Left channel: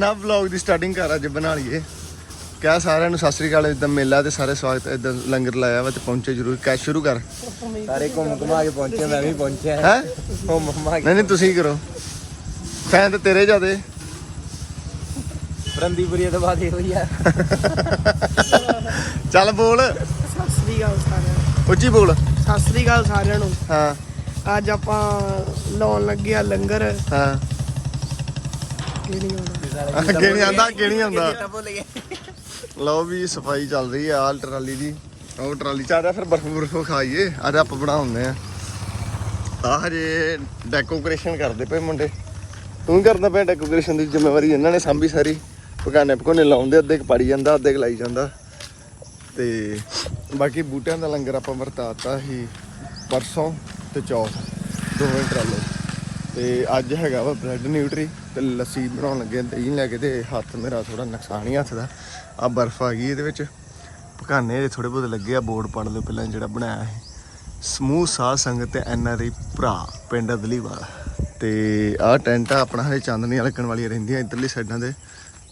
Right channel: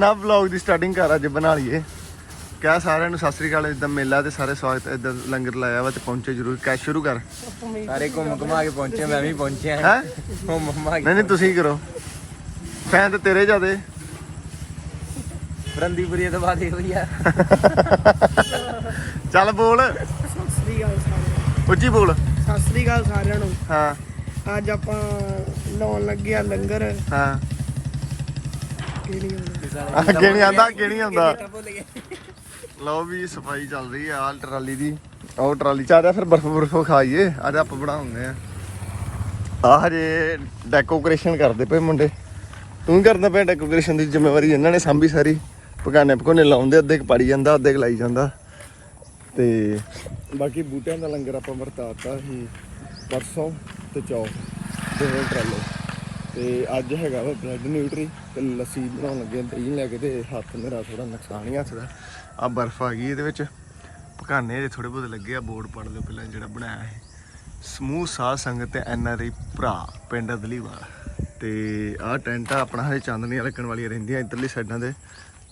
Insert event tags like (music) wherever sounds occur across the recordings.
ਨਾ ਵਲੌਗ ਦੀ ਸਟਾਰਟਿੰਗ ਕਰ ਅੱਜ ਬਣਾ ਲਈਏ। ਕਿਆ ਸਾਰਿਆਂ ਨੂੰ ਸਤਿ ਸ੍ਰੀ ਅਕਾਲ ਇਦਾਂ ਮੇਲਾ ਤੇ ਸਾਰੇ ਸਵਾਗਤ ਇਦਾਂ ਲੰਗਰ ਲਾਇਆ ਵਾ ਤੇ ਪਹੁੰਚੇ ਜਰੂਰ। ਕੈ ਸ਼ੁਰੂ ਕਰ। ਸਾਰੇ ਘੁੰਮ ਘੁਮਾ ਕੇ ਪਹੁੰਚੇ ਮੈਂ ਵੀ ਪਹੁੰਚਿਆ। ਹੈ? ਘੁੰਮ ਘੁਮਾ ਕੇ ਨਹੀਂ ਨਹੀਂ ਤੁਸੀਂ ਕਰੋ। ਫੈਨ ਤੇ ਤੇਰੇ ਜਿਆਦੇ। ਬਰੰਦੀਪੁਰੀ ਤੋਂ ਬਾਅਦ ਇਹੋ ਹੀ ਆ। (laughs) ਚੱਲ ਬੋਲ। ਸਤਿ ਸ੍ਰੀ ਅਕਾਲ ਸਾਰਿਆਂ ਨੂੰ। ਉੱਚੀ ਬੋਲ। ਸਤਿ ਸ੍ਰੀ ਅਕਾਲ ਸਾਰਿਆਂ ਨੂੰ। ਹਾਂ। ਅੱਜ ਆਪਾਂ ਲਾਉਣ ਲੱਗੇ ਆ ਲੰਗਰ। ਹਾਂ। ਇਹ ਨਹੀਂ ਆਉਂਦਾ ਅੱਗੇ ਨਹੀਂ ਆਂਦਾ ਅੱਗੇ ਨਹੀਂ ਆਉਂਦਾ ਲਓ ਵੀ ਸਫ਼ਾਈ ਚੱਲ ਰਹੀ ਆ ਆਹ ਟਰਾਲੀ ਦੀ। ਉਹ ਟਰਾਲੀ ਚ ਆ ਜਾ ਫਿਰ ਬਰਫ ਬਰਫ ਖਾਈਏ। ਅੱਜ ਆਪਾਂ ਬਣਾਉਂਦੇ ਆ। ਆ ਹਜੇ ਡੈਕੋਰੇਸ਼ਨ ਕਰਦੇ ਪਏ ਮੁੰਡੇ। ਤੂੰ ਕਰਦਾ ਪਿਆ ਡੈਕੋਰੇਸ਼ਨ ਦੀ ਜ਼ਿੰਮੇਵਾਰੀ ਇਹਨਾਂ ਨੇ ਸੰਭੀ ਸਾਰੀ। ਪਕਾਨੇ ਪਕਾਨੇ ਲਾਉਂਦੇ ਅੱਧੇ ਕੁ ਪਾੜੀ ਜਾਂਦਾ ਅੱਧੇ ਕੁ ਲਾਈ ਜਾਂਦਾ। ਤੇ ਬਾਕੀ ਬੂਟਿਆਂ ਦਾ ਲੰਗਰ ਆਪਾਂ ਵਰਤਾਤਾ ਸੀ ਪਰਸੋਂ ਤੇ ਚੌਥ ਦੋਵੇਂ ਟਰਾਲੇ। ਤੇ ਅੱਜ ਹੈਗਾ ਵਾ ਬ੍ਰੈਡ ਨਿਊਟਰੀ ਤੇ ਲੱਸੀ ਬਣਾਉਣ ਲੱਗੇ ਦਹੀਂ ਲੈ ਕੇ ਤੇ ਹੱਥ ਮੇਰਾ ਥੋੜਾ ਨੁਕਸਾਨ ਹੀ ਹੱਥ ਦਾ। ਆ ਬਰਫ਼ ਆ ਗਈ ਇਹਦੇ ਵਿੱਚ। ਪਕਾਨੇ ਦੇ ਥੋੜੇ ਬਹੁਤ ਲੱਗੇ ਆ, ਬੋਰਡ ਪੜ ਲਓ ਪਹਿਲਾਂ ਜਿਹੜਾ ਬਣਾਇਆ ਹੈ ਸਮੂਹ ਸਾਧ ਸੰਗਤ ਤੇ ਐਨ ਆਰ ਆਈ ਭਰਾ, ਪਿੰਡ ਅਦਲੀਵਾਲ। ਤੇ ਆਹ ਟੈਂਟ ਆ, ਆਪਣਾ ਹਰੇ ਚਾਂਦਨੀਆਂ ਲੱਗਣ ਵਾਲੀਆਂ ਰਹਿੰਦੀਆਂ ਇਧਰਲੀ ਸਾਈਡਾਂ ਤੇ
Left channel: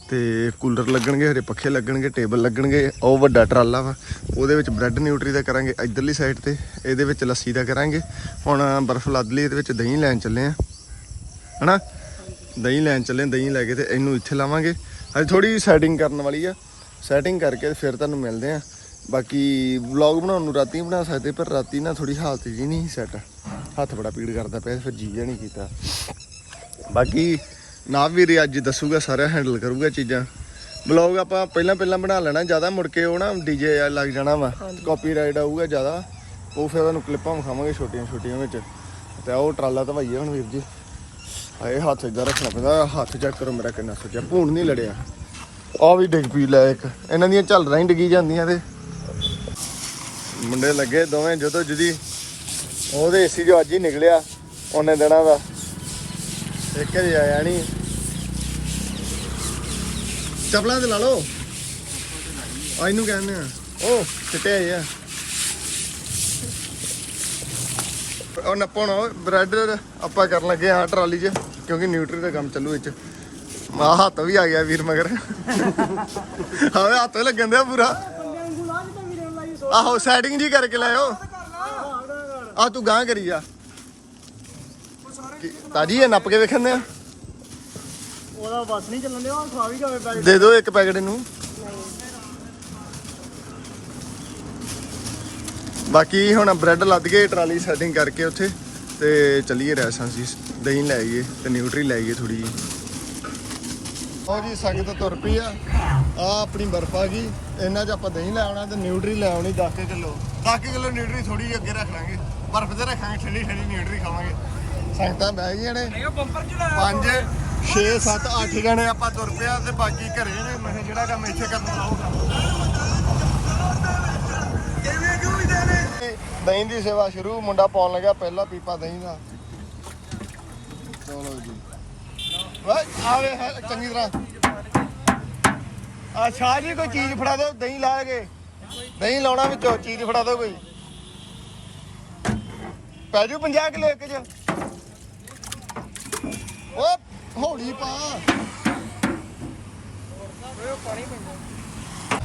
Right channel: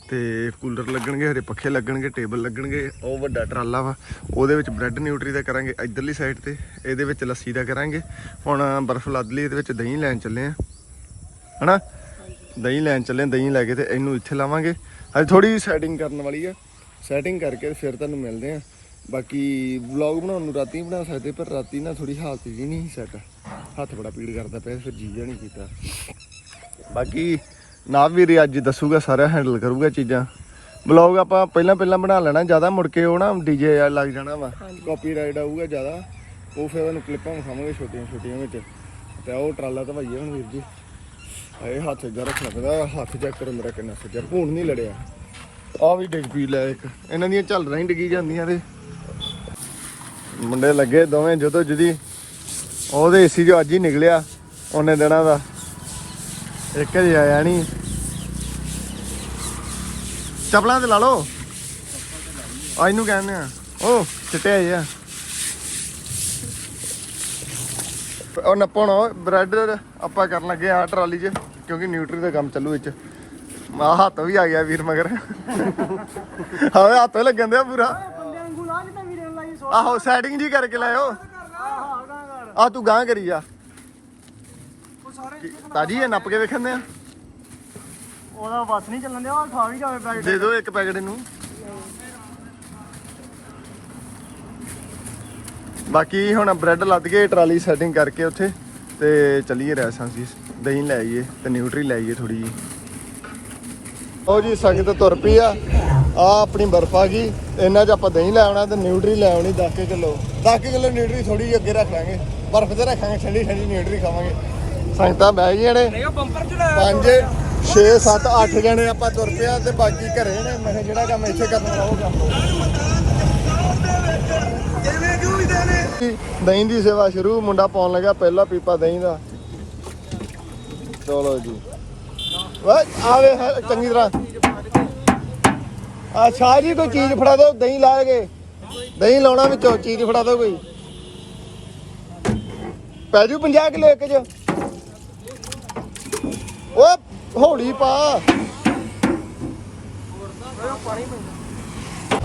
ਤੇ ਕੂਲਰ ਲੱਗਣਗੇ ਹਰੇ ਪੱਖੇ ਲੱਗਣਗੇ ਟੇਬਲ ਲੱਗਣਗੇ ਉਹ ਵੱਡਾ ਟਰਾਲਾ ਵਾ। ਉਹਦੇ ਵਿੱਚ ਬ੍ਰੈਡ ਨਿਊਟਰੀ ਦਾ ਕਰਾਂਗੇ ਇਧਰਲੀ ਸਾਈਡ ਤੇ ਇਹਦੇ ਵਿੱਚ ਲੱਸੀ ਦਾ ਕਰਾਂਗੇ। ਹੁਣ ਬਰਫ਼ ਲੱਦ ਲਈ ਇਹਦੇ ਵਿੱਚ ਦਹੀਂ ਲੈਣ ਚੱਲੇ ਆ। ਹਨਾ? ਦਹੀਂ ਲੈਣ ਚੱਲੇ ਦਹੀਂ ਲੈ ਕੇ ਤੇ ਇਹਨੂੰ ਇੱਥੇ ਲਾਵਾਂਗੇ। ਹਜੇ ਥੋੜੀ ਸੈਟਿੰਗ ਕਰਨ ਵਾਲੀ ਆ। ਸੈਟਿੰਗ ਕਰਕੇ ਫਿਰ ਤੁਹਾਨੂੰ ਮਿਲਦੇ ਆ। ਬਾਕੀ ਵਲੌਗ ਬਣਾਉਣ ਨੂੰ ਰਾਤੀ ਬਣਾ ਸਕਦੇ ਪਰ ਰਾਤੀ ਨਾ ਥੋੜੀ ਹਾਲਤ ਜੀ ਨਹੀਂ ਸੈੱਟ ਹੱਥ ਬੜਾ ਪੀੜ ਕਰਦਾ ਪਿਆ ਫਿਰ ਜੀ ਜਿਹਾ ਨਹੀਂ ਕੀਤਾ। ਬਾਕੀ ਨਾਵ ਵੀਰ ਅੱਜ ਦੱਸੂਗਾ ਸਾਰਾ ਹੈਂਡਲ ਕਰੂਗਾ ਚੀਜ਼ਾਂ। ਵਲੌਗ ਆਪਾਂ ਪਹਿਲਾਂ ਪਹਿਲਾਂ ਬਣਾ ਲੈਣਾ ਜ਼ਿਆਦਾ ਮੁੜ ਕੇ ਉਹ ਨਾ ਡੀਜੇ ਲੱਗ ਜਾਣਾ ਵਾ। ਕਾਪੀਰਾਈਟ ਆਊਗਾ ਜ਼ਿਆਦਾ। ਉਹ ਫਿਰ ਤੁਹਾਨੂੰ ਕਲਿੱਪਾਂ ਵਿਖਾਵਾਂਗੇ ਛੋਟੀਆਂ ਛੋਟੀਆਂ ਵਿੱਚ। ਤੇ ਉਹ ਟਰਾਲਾ ਧਵਾਈਏ ਹੁਣ ਵੀਰ ਜੀ। ਹਾਏ ਹੱਥ ਇਦਾਂ ਰੱਖਣਾ ਪੈਂਦਾ ਹੱਥ ਚੈੱਕ ਕਰੋ ਮੇਰਾ ਕਿੰਨਾ ਸੁੱਜਿਆ ਭੂਣ ਨਹੀਂ ਲੜਿਆ। ਉਹ ਵੀ ਡਿੱਗ ਪਈ ਲੈ ਇੱਕ। ਇਹਨਾਂ ਦੀਆਂ ਝੱਲਰਾਂ ਹੀ ਡਿੱਗੀ ਜਾਂਦੀਆਂ ਤੇ। ਮੁੰਡੇ ਲੱਗੇ ਦੋਵੇਂ ਜਦੋਂ ਜਦੀ ਉਹਦੇ ਏਸੀ ਜੋ ਅੱਜ ਹੀ ਨਿਕਲਿਆ ਉਹਨੇ ਦਿਨਾਂ ਦਾ ਇੱਕ ਹੀ ਆਇਆ ਨਹੀਂ ਚਪਲਾਂ ਤੇ ਲਾ ਲਓ। ਆ ਇਹਨੂੰ ਕਹਿੰਦੇ ਆ। ਉਹ ਚਿੱਟੇ ਆਏ ਆ। ਉਹ ਨੱਪਣ ਬ੍ਰੈਡ ਆਪਾਂ ਕਰਨ ਲੱਗੇ ਆ ਟਰਾਲੀ 'ਚ, ਕਿਉਂਕਿ ਨਿਊਟਰੀ ਦਾ ਕੰਮ ਚੱਲੂ ਵਿੱਚ। ਮਾ ਹੱਥ ਵੀ ਆ ਗਿਆ ਵੀਰ ਮਗਰ। ਹਾਂ ਹੱਥ ਲੱਗਣ ਦਿਆ ਪੂਰਾ। ਆਹੋ ਸੈਟਿੰਗ ਜੀ ਕਰਕੇ ਲਾਇਓ। ਆ ਤੂੰ ਗਾਂ ਕਰੀ ਜਾ ਕੀ- ਤਾਜੀ ਇਹ ਨੱਪ ਕੇ ਵੇਖਣਦੇ ਆ? ਉਹਦਾ ਬਸ ਨਹੀਂ ਚੱਲਣ ਦਿਆ ਖਾ ਵੀ ਜਾਵੇ ਬੈਗ ਦੇ ਦਿਓ ਇੱਕ ਪੈਕਟ ਇਹਨੂੰ। ਬਾਕੀ ਹੁਣ ਬ੍ਰੈਡ ਲੱਦ ਕੇ ਟਰਾਲੀ ਸੈਟਿੰਗ ਕਰਕੇ ਉੱਥੇ ਤੇ ਚੱਲੀਏ ਰੈਸਾਂ ਸੀ ਦਹੀਂ ਲੈ ਆਈਏ ਤੇ ਨਿਊਟਰੀ ਲੈ ਆਈਏ ਥੋੜੀ ਜੀ ਉਹ ਜੀ ਸੰਗਤ ਤੁਰ ਪਈ ਆ। ਆ ਆਪਣੀ ਬਰਫ ਆ ਗਈ। ਇਹਨਾਂ 'ਚ ਆਪਾਂ ਦਹੀਂ ਲੈ ਆਉਣਾ ਤੇ ਨਿਊਟਰੀ ਲੈ ਆਉਣੀ 10 ਕਿਲੋ। 10 ਕਿਲੋ ਨਿਊਟਰੀ ਥੋੜੀ ਜਿਹੀ ਅੱਗੇ ਰੱਖ ਲਾਂਗੇ। ਬਰਫ ਤੇ ਰੱਖਾਂਗੇ ਠੰਡੀ ਠੰਡੀ ਨਿਊਟਰੀ ਖਾਵਾਂਗੇ। ਸੰਗਤਾਂ ਬਹਿ ਗਈਆਂ ਨੇ। ਪੰਜ 6 7 8 ਜਣੇ ਆਪਾਂ ਤੁਰ ਪਿਆ ਤੇ ਬਾਕੀ ਘਰੇ ਨੇ। ਮੈਂ ਕਿਹਾ ਜਿਹੜਾ ਕੰਮ ਇੱਥੇ ਕਰਨ ਉਹ ਕਰ ਲਓ। ਦਹੀਂ ਦੀ ਸੇਵਾ ਸ਼ੁਰੂ ਮੁੰਡਾ ਪਾਉਣ ਲੱਗਾ ਪਹਿਲਾ ਪੀਪਾ ਦਹੀਂ ਦਾ। ਚਲੋ ਜੀ। ਆਵੇ ਚੰਗੀ ਤਰ੍ਹਾਂ। ਆ ਸ਼ਾਹ ਕੋਈ ਚੀਜ਼ ਫੜਾ ਦਿਓ ਦਹੀਂ ਲਾ ਕੇ। ਦਹੀਂ ਲਾਉਣਾ ਵਿੱਚੋਂ ਚੀਜ਼ ਫੜਾ ਦਿਓ ਕੋਈ। ਪੈ ਜੂ 50 ਕਿਲੋ ਇੱਕ ਚ। ਓ, ਹੌਲੀ ਪਾ।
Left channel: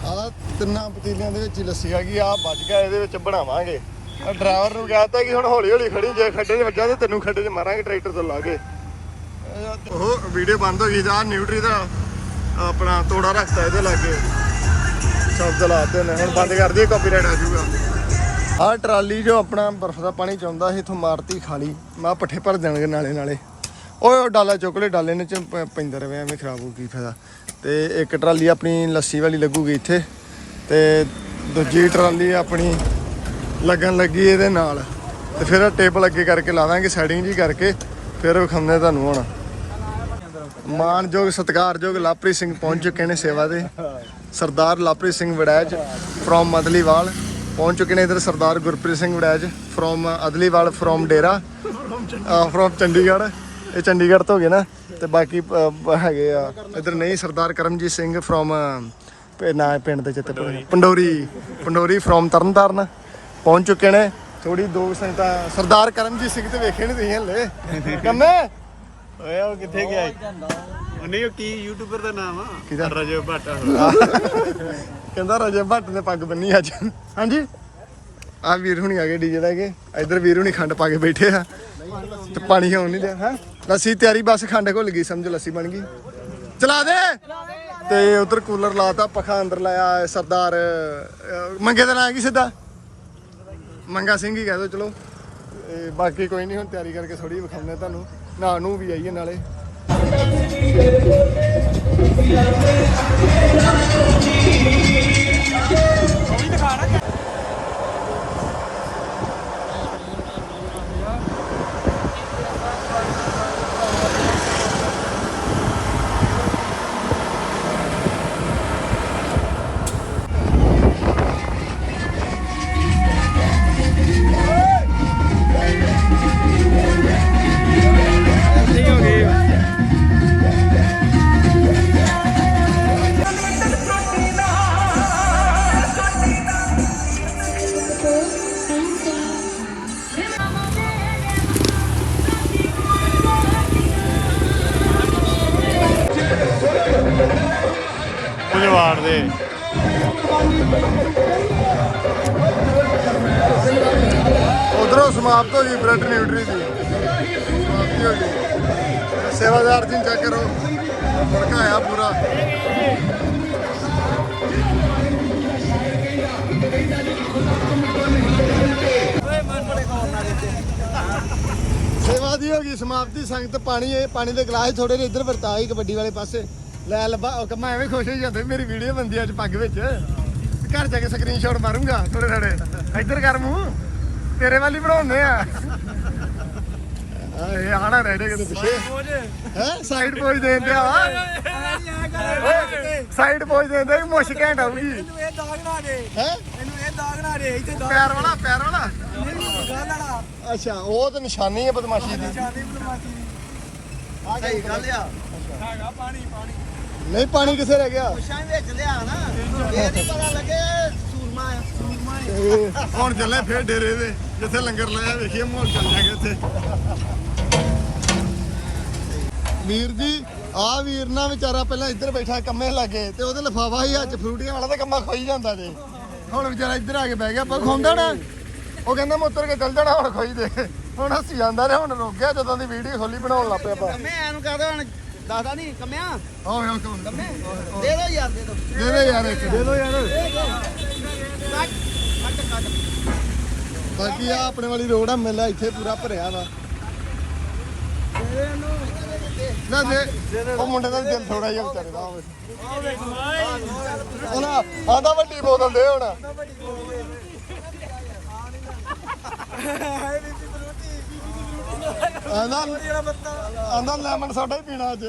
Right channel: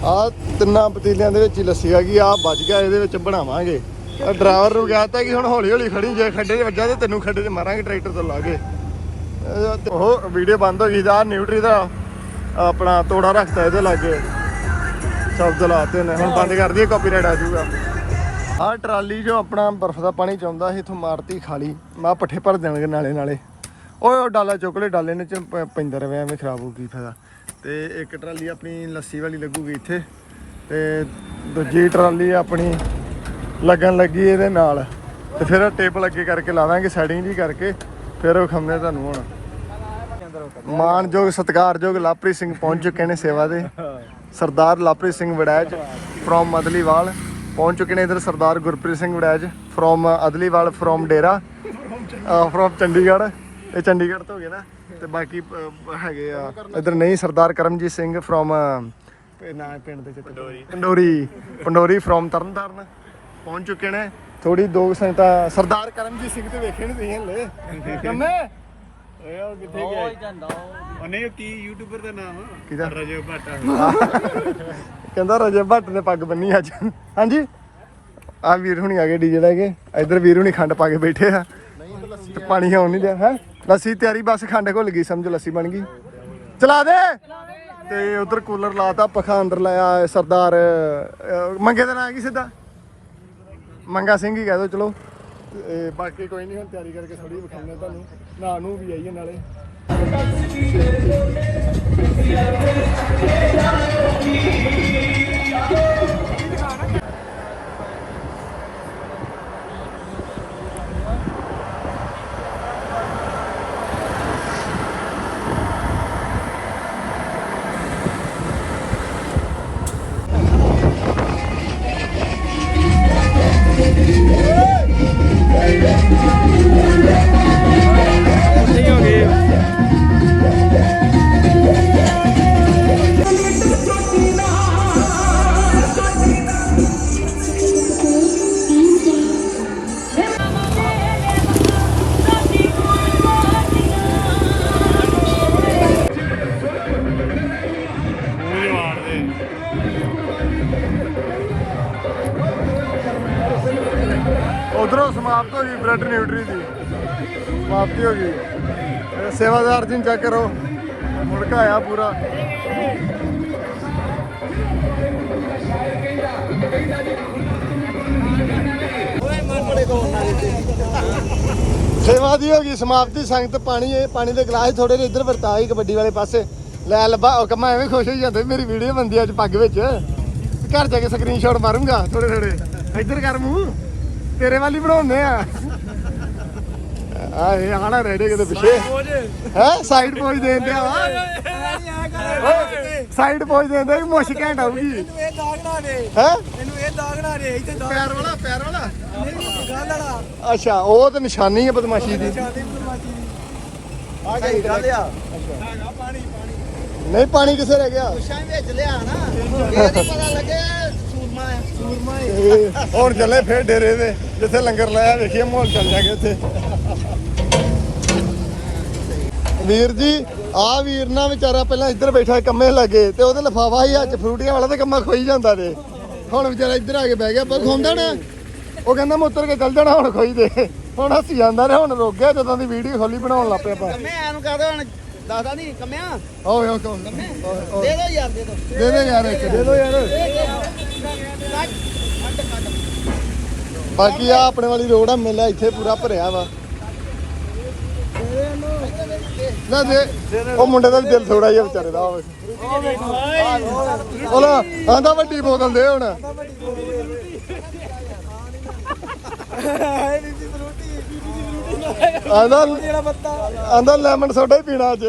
ਆ ਤਿੰਨਾਂ ਪਤੀਲਿਆਂ ਦੇ ਵਿੱਚ ਹੀ ਲੱਸੀ ਆ ਗਈ, ਆ ਬਚ ਗਿਆ, ਇਹਦੇ ਵਿੱਚ ਬਣਾਵਾਂਗੇ। ਡਰਾਈਵਰ ਨੂੰ ਕਹਤਾ ਕਿ ਹੁਣ ਹੌਲੀ ਹੌਲੀ ਖੜੂਗਾ ਖੱਡੇ ਵਿੱਚ ਜਾ ਤੈਨੂੰ ਖੱਡੇ 'ਚ ਮਾਰਾਂਗੇ, ਟਰੈਕਟਰ ਤੋਂ ਲਾ ਕੇ। ਉਹ ਵੀਡੀਓ ਬੰਦ ਹੋ ਗਈ ਜਾ ਨਿਊਟਰੀ ਦਾ ਆਪਣਾ ਤੋੜਾ ਰੱਖਤਾ ਇਹਦੇ ਲਾਗੇ। ਸ਼ਬਦ ਲਾਤੇ ਨੇ, ਹੁਣ ਬੰਦ ਕਰ ਦਈਏ ਕਾਪੀਰਾਈਟ ਆ ਜਾਊਗਾ। ਆਹ ਟਰਾਲੀ ਜੋ ਆਪਣਾ ਬਰਫ਼ ਦਾ ਪਾਣੀ ਚਾਹੁੰਦਾ ਸੀ, ਇਥੋਂ ਮਾਰਤੀ ਖਾਲੀ। ਮਾ ਪੱਠੇ ਭਰ ਦੇਣਗੇ ਨਾਲੇ ਨਾਲੇ ਓਏ ਉਹ ਡਾਲਾ ਚੁੱਕ ਲੈ ਡਾਲੇ ਨੇ ਚ ਪ- ਪੈਂਦਾ ਰਵੇ, ਐਵੇਂ ਖਰਾਬ ਹੋ ਕੀ ਫਾਇਦਾ। ਤੇ ਇੱਕ ਟਰਾਲੀ ਆਪਣੀ ਲੱਸੀ ਵਾਲੀ ਲੱਗੂਗੀ ਇੱਥੇ, ਤੇ ਦੂਜੀ ਟਰਾਲੀ ਆਪਣੀ ਲੱਗਣ ਲੱਗੀ ਇਹਦੇ ਨਾਲ। ਤੇ ਫਿਰ ਟੇਬਲ ਅੱਗੇ ਕਰਕੇ ਲਾ ਦਾਂਗੇ ਸੈਟਿੰਗ ਜੀ ਕਰਕੇ, ਫਿਰ ਵਿਖਾਉਂਦੇ ਤੁਹਾਨੂੰ ਹੁਣ। ਮਾਨਯੋਗ, ਸਤਿਕਾਰਯੋਗ ਲਾਪਰੀ ਸਿੰਘ ਪਹੁੰਚ ਚੁੱਕੇ ਨੇ ਸੇਵਾ ਦੇ। ਸਰਦਾਰ ਲਾਪਰੀ ਸਿੰਘ ਵੜੈਜ ਫਰੋਮ ਅਦਲੀਵਾਲ ਪਹੁੰਚ ਚੁੱਕੇ ਨੇ ਇਧਰ, Sardar Gurpreet Singh Waraich from Adliwal from Dera from Chandigarh. ਇਹ ਚੰਡੀਗੜ੍ਹ ਤੋਂ ਹੋ ਗਏ ਨਾ ਤੇ ਬਾਕੀ ਹੈਗੇ ਆ। ਇਧਰ ਨਹੀਂ ਸਰਦਾਰ ਕਰਮਜੀਤ ਸਿੰਘ ਫਰੋਮ ਨਾ ਪਿੰਡ ਦੇ ਚਿੱਤੇ ਪੰਡੋਰੀ। ਪੰਡੋਰੀ ਫਰੋਮ ਤਰਨਤਾਰਨ। ਪਹੁੰਚ ਚੁੱਕੇ ਨੇ। ਥੋੜੀ ਦੋ ਸੰਗਤਾਂ ਸਰਦਾਰ ਕਰਮਜੀਤ ਸਿੰਘ ਤੇ ਵੇਖੇ ਨਹੀਂ ਤੁਸੀਂ ਹਲੇ। ਕੰਮੇ? ਓਏ ਉਹ ਕਿੱਥੇ ਗਿਆ ਉਹ ਨਹੀਂ ਉਹ ਕੀ ਯੂਟਿਊਬਰ ਦਾ ਨਾਮ ਆ? ਕਿਹਦਾ? ਰਜੇ ਭੱਟ ਕਹਿੰਦਾ ਰਜੇ ਭੱਟ ਨੇ ਪੱਗ ਬੰਨੀ ਅੱਜ। ਹਾਂਜੀ? ਆ ਵੀਰ ਹੁਣੀ ਆ ਗਏ ਡੀਜੇ ਲੈ ਕੇ। ਇੱਧਰ ਵੀਰ ਹੁਣੀ ਖੰਡ ਪਾ ਕੇ ਬੈਠੇ ਆ। ਤੇ ਪਾਣੀ ਆਉਣ ਨਹੀਂ ਲਿਆ ਹੈ? ਲੱਸੀ ਤਿਆਰੀ ਬਸ ਖੰਡ ਘੁੱਲ ਗਈ ਸਮਝ ਲੱਸੀ ਬਣ ਗਈ। ਚਲਾ ਦੇ! ਤੇ ਉਧਰ ਕੂਲਰ ਲਾਤਾ ਪੱਖਾ ਅੰਦਰ ਲਾਇਆ ਸਰਦਾਰ ਅਹ, ਮੰਗੇ ਦਾ ਨਾਂ ਕੀ ਸਿੱਧਾ। ਮੰਗਾ ਸਿੰਘ ਹੀ ਕਹਿ ਦੋ ਚਲੋ। ਇਹ ਬਾਕੀ ਕੋਈ ਨਹੀਂ ਹੁਣ ਤਿਆਰੀ ਕਰਕੇ ਥੋੜੀ ਵਿਖਾਉਂਦੇ ਤੁਹਾਨੂੰ। ਨਾ ਨੂੰ ਵੀ ਆਈਏ ਨਾਲੇ। ਮੂੰਹ ਸਮਾਪਤ ਹੋ ਗਈ, ਬ੍ਰੈਡ ਨਿਊਟਰੀ ਦੀ। ਸਮਾਪਤੀ ਹੋ ਗਈ। ਸੇਵਾਦਾਰ ਜੀ ਚੈੱਕ ਕਰੋ। ਮੁੜਕਾ ਪੂਰਾ। ਸੇਵਾ ਦੀ ਹੋ ਗਈ, ਸਮਾਪਤੀ। ਸੰਗਤ ਪਾਣੀ ਇਹ ਪਾਣੀ ਦੇ ਗਲਾਸ ਥੋੜੇ ਜਿਹੇ ਇੱਧਰ ਵਰਤਾ ਗਈ ਕਬੱਡੀ ਵਾਲੇ ਪਾਸੇ। ਲੈ ਲੱਭਾ, ਉਹ ਕਮਾ ਐਵੇਂ ਖੁਸ਼ ਹੋ ਜਾਂਦੇ, ਮੇਰੀ ਵੀਡੀਓ ਬੰਦੀ ਅੱਜ ਪੱਗ ਵਿੱਚ। ਘਰ ਜਾ ਕੇ ਸਕਰੀਨਸ਼ਾਟ ਮਾਰੂੰਗਾ। ਥੋੜੇ ਥੋੜੇ ਇੱਧਰ ਕਰ ਮੂੰਹ। ਤੇਰੇ ਵਾਲੀ ਬਣਾਉਂਦੇ ਆ। ਆ ਇਹ ਆਣਾ ਰਹਿ ਕਿਤੇ ਪਿੱਛੇ। ਹੈ? ਸਾਈਡ ਪੋਜ ਦੇ ਦਿੰਦੇ ਆ ਸਾਈਡ ਪੋਜ ਦੇ ਦਿੰਦੇ ਮੁਸ਼ ਘੈਂਟ ਆਉਗੀ ਇਹਨੂੰ ਇਹ ਦਾਗ ਨਾ ਦੇ। ਹੈ? ਇਹਨੂੰ ਇਹ ਦਾਗ ਨਾ ਦੇ ਇੱਥੇ ਦਾਗ ਪਿਆਰ ਵਾਲਾ ਪਿਆਰ ਵਾਲਾ? ਨਹੀਂ ਗੱਲ ਵਾਲਾ। ਅੱਛਾ ਉਹ ਤਾਂ ਨਿਸ਼ਾਨੀ ਹੈ ਬਦਮਾਸ਼ੀ ਦੀ। ਜਾਨੀ ਬਦਮਾਸ਼ੀ ਦੀ। ਆ ਸਹੀ ਗੱਲ ਆ। ਹੈਗਾ ਪਾਣੀ ਪਾਣੀ। ਨਹੀਂ ਪਾਣੀ ਕਿੱਥੇ ਰਹਿ ਗਿਆ? ਪੁੱਛਾਂ ਵਿੱਚ ਲਿਆ ਨਾ। ਇਹ ਨਹੀਂ ਪਤਾ ਲੱਗੇ ਹੁਣ ਚੱਲੇ ਫੇਰ ਡੇਰੇ ਦੇ ਜਿੱਥੇ ਲੰਗਰ ਲਾਇਆ ਵੇਖੀਏ ਮਾਹੌਲ ਚੱਲ ਜਾਗੇ ਉੱਥੇ ਵੀਰ ਜੀ ਆ ਵੀਰ ਨਾ ਵਿਚਾਰਾ ਪਹਿਲਾਂ ਇੱਧਰ ਬੈਠਾ ਕੰਮੇ ਲੱਗੇ ਤੇ ਉਹਦੇ ਲਫਾਫਾ ਹੀ ਅੱਜ ਫਰੂਟੀਆਂ ਵਾਲਾ ਤੇ ਕੰਮਾ ਖੋਈ ਜਾਂਦਾ ਤੇ। ਹੁਣ ਵਿਚਾਰਾ ਇੱਧਰ ਆ ਕੇ ਬਹਿ ਗਿਆ ਪਰ ਖੋਂਦਾ ਨਾ। ਉਹ ਕਹਿੰਦਾ ਮੈਂ ਉਤਰ ਕੇ ਚੱਲ ਜਾਣਾ ਹੁਣ ਖੋਈ ਦੇ। ਹੁਣ ਹੱਸੀ ਜਾਂਦਾ ਨੇ ਹੁਣ ਰੁਕ ਗਿਆ ਜਦੋਂ ਦੀ ਵੀਡੀਓ ਖੋਲੀ ਬਣਾਉਣ ਲੱਗ ਪਿਆ। ਕੰਮੇ ਐਨੂੰ ਕਹਦੇ ਹੁਣ? ਦੱਸਦਾ ਨਹੀਂ ਕੰਮਿਆ? ਓਏ ਓਏ ਕੰਮ? ਦੇ ਦੋ ਯਾਰ ਦੇ ਦੋ। ਦੇ ਦੇ ਯਾਰ ਇੱਕ। ਦੇ ਦੋ ਯਾਰ। ਬਾਕੀ ਆ ਆਪਣੇ ਵਾਲੀ ਰੋਡ ਆ, ਮੇਲਾ ਇੱਥੇ ਪੂਰਾ ਭਰਿਆ ਵਾ। ਨਾ ਦੇ, ਉਹ ਮੁੰਡੇ ਦਾ ਦਿਲ ਥੋੜਾ ਜਿਹਾ ਵਿਚਾਰੇ ਦਾ ਹੋਵੇ ਉਹ ਆਂਦਾ ਵੱਡੀ ਬੋਤਲ ਦੇ ਹੁਣ। ਆਂਦਾ ਆਂਦਾ ਲੈਮਨ ਸੋਡਾ ਹੀ ਪੀਣਾ ਅੱਜ।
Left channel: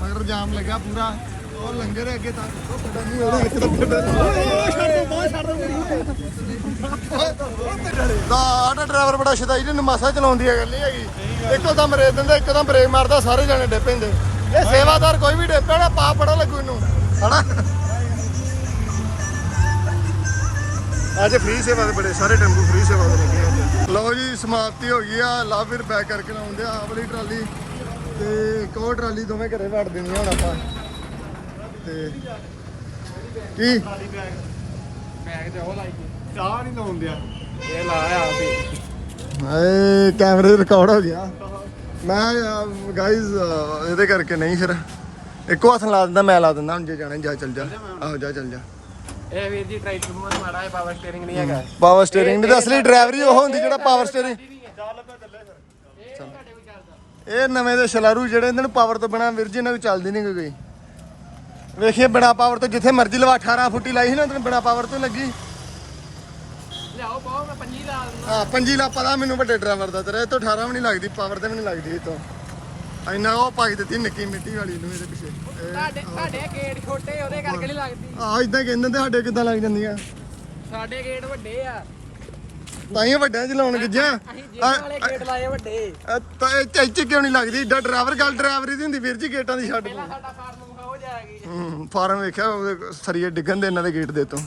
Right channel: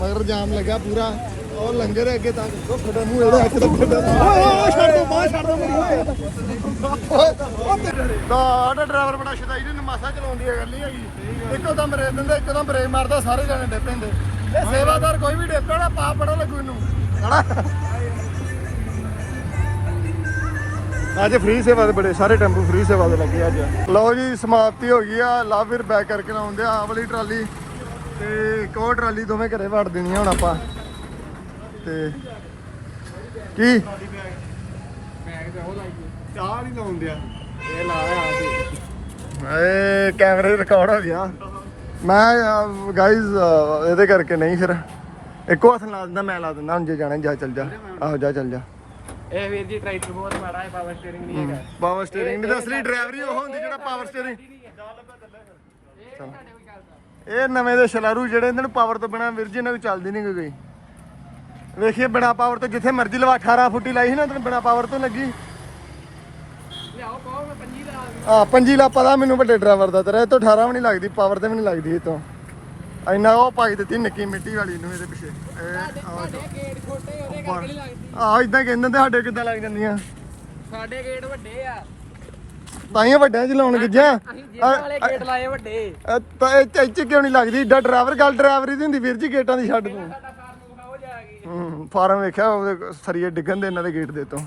ਮਗਰ ਜਾਮ ਲੱਗਾ ਪੂਰਾ। ਉਹ ਲੰਗਰ ਅੱਗੇ ਤੱਕ ਉਹ ਖੜਾ ਮੂੰਹ ਇਹਦਾ ਇੱਕ ਦੱਬੇ ਦਾ ਓਏ ਓਏ ਛੱਡ ਦੋ ਬਾਹਰ ਛੱਡ ਦੋ ਦਾ ਆਟੋ ਡਰਾਈਵਰ ਬੜਾ ਸ਼ਦਾਈ ਜੀ ਨਮਾਸਾ ਚਲਾਉਂਦੀ ਹੈ ਗੱਲ ਨਹੀਂ ਹੈਗੀ। ਇੱਕੋ ਦਮ ਰੇਤ ਦਿੰਦਾ ਇੱਕੋ ਦਮ ਬ੍ਰੇਕ ਮਾਰਦਾ ਸਾਰੇ ਜਾਣੇ ਡੇ ਪੈਂਦੇ। ਇਹ ਸੇਵਾਦਾਰ ਕੋਈ ਵੀ ਡੇਪੇ ਨਾ ਪਾ ਬੜਾ ਲੱਗੂ ਇਹਨੂੰ। ਹਣਾ ਅੱਜ ਫ੍ਰੀ ਸੇਵਾ ਦੇ ਬੜੇ ਸਾਰੇ ਟੈਂਪੂ ਫ੍ਰੀ ਸੇਵਾ ਦੇ ਲੱਗੇ ਅੱਜ। ਲਓ ਜੀ ਸਮਾਪਤੀ ਹੋ ਗਈ ਆ। ਲਾ ਫਿਰ ਬੈਕ ਕਰਕੇ ਲਾਉਂਦੇ ਆ ਆਹ ਵਾਲੀ ਟਰਾਲੀ। ਤੇ ਇੱਕ ਹੋਰ ਟਰਾਲੀ ਦੋਵੇਂ ਘਰੇ ਵੜ ਦੇਣੀ ਹੁਣ ਆਪਾਂ। ਤੇ ਕੀ? ਬੈਗ ਤੇ ਉਹ ਲਾਈ ਚਾਹ ਨਹੀਂ ਲਾਉਣ ਦਿਆ। ਇਹ ਲਾਇਆ ਆਪੇ ਏ ਕੈਮਰੇ ਰਿਕਾਰਡ ਹੋ ਗਿਆ। ਮੈਂ ਗਾਇਜ਼ ਇਹਦੇ ਕਰਕੇ ਨਹੀਂ ਫਿਰ। ਇੱਕੋ ਹੱਥ ਲਾ ਦਿੰਦਾ ਮੈਂ ਲਾ ਦਿੰਦਾ ਹੁਣ ਜੇ ਜਾਣਾ ਜਾ ਚੱਲ ਜਾ। ਆਹੋ ਜਾ ਚੱਲ ਜਾ। ਇਹ ਵੀਰ ਜੀ ਟਰੈਕਟਰ ਬਹੁਤ ਮਾੜਾ ਹੈ ਪਾਵਰ ਸਟੀਅਰਿੰਗ ਨਹੀਂ ਹੈਗਾ। ਪਾਵਰ ਸਟੀਅਰਿੰਗ ਦੀ ਤਾਂ ਅਸਲੀ ਡਰਾਈਵਰੀ ਉਹ ਹੁੰਦੀ ਜਿਹੜਾ ਪਾਵਰ ਸਟੀਅਰਿੰਗ ਇਹ ਨਵੇਂ ਦੇ ਸ਼ਲਾਰੂ ਜਿਹੜੇ ਇਹਨਾਂ ਨੂੰ ਪਾਵਰ ਤੋਂ ਬਿਨਾ ਵੀਰ ਜੀ ਇਹਨਾਂ ਨੂੰ ਚੱਲਦੀ ਨਹੀਂ ਕੋਈ। ਵੇਖੀਏ ਬਿਨਾ ਪਾਵਰ ਤੋਂ ਜਿੱਥੇ ਮਰਜ਼ੀ ਲਵਾ 18 ਫੁੱਟੀ ਲਾਈ ਸੀ ਨਾ ਤੈਨੂੰ ਬਿਨਾ ਪਾਵਰ ਤੋਂ ਲੱਗੀ। ਲਿਆਓ ਪਾਓ ਮੈਂ ਪੰਜੀ ਲਾ ਦਿੰਦਾ। ਹਾਂ ਪੰਜੀ ਲਾ ਪਤਾ ਮੈਨੂੰ ਵੱਡੇ ਡਰਾਈਵਰ ਦਾ ਤੇਰਾ ਇਹ ਤੋਂ 18 ਵੀ ਨਹੀਂ ਲੱਗਦੀ ਪਾਵਰ ਤੇ ਵੀ ਨਹੀਂ ਲੱਗਦੀ ਇਹ ਤੋਂ। ਇੰਨਾ ਉਹ ਪਾਈ ਦਿੱਤੀ ਨਿੱਕੀ ਮਿੱਟੀ ਵਾਲੀ ਨੂੰ ਇਹਦੇ ਪਿੱਛੇ। ਤੁਹਾਡੇ ਤੁਹਾਡੇ ਗੇਟ ਛੋਟੇ ਉਹਦੇ ਕਰਕੇ ਨਹੀਂ ਲੱਗਦੀ। ਆਹ ਇਦਾਂ ਕਹਿੰਦੇ ਤੇ ਸਾਡੇ ਕਿੱਦਾਂ ਲੱਗ ਜਾਂਦੀਆਂ। ਸਾਡੇ ਗੇਟ ਵੱਡੇ ਆ। ਤਾਈਆਂ ਵੱਡਿਆਂ ਚ ਲਾਉਣ ਗਿੱਜਾ ਅਸੀਂ ਜੇਲ੍ਹ ਵਾਲੇ ਗੇਟ ਲਾਏ ਵੱਡੇ। ਤਾਂ ਇਹ ਇੱਥੇ ਕਿਉਂ ਨਹੀਂ ਲੱਗਦੀ? ਏਡਾ ਡਰਾਈਵਰ ਗੱਲ ਡਰਾਈਵਰੀ ਦੀ ਹੁੰਦੀ ਵੀਰ ਜੀ ਗੇਟਾਂ ਦੀ ਛੱਡ ਸਾਡਾ ਫਾਰਮ ਹੁੰਦਾ ਹੋ ਜਾਏਗੀ ਹੂੰ ਫਾਰਮ ਵੇਖਿਆ ਉਹਦੇ ਸਰੀਏ ਡਿੱਗਣ ਦੇ ਇਹਨਾਂ ਦੇ ਗੇਟ ਦੇ ਤੋਂ।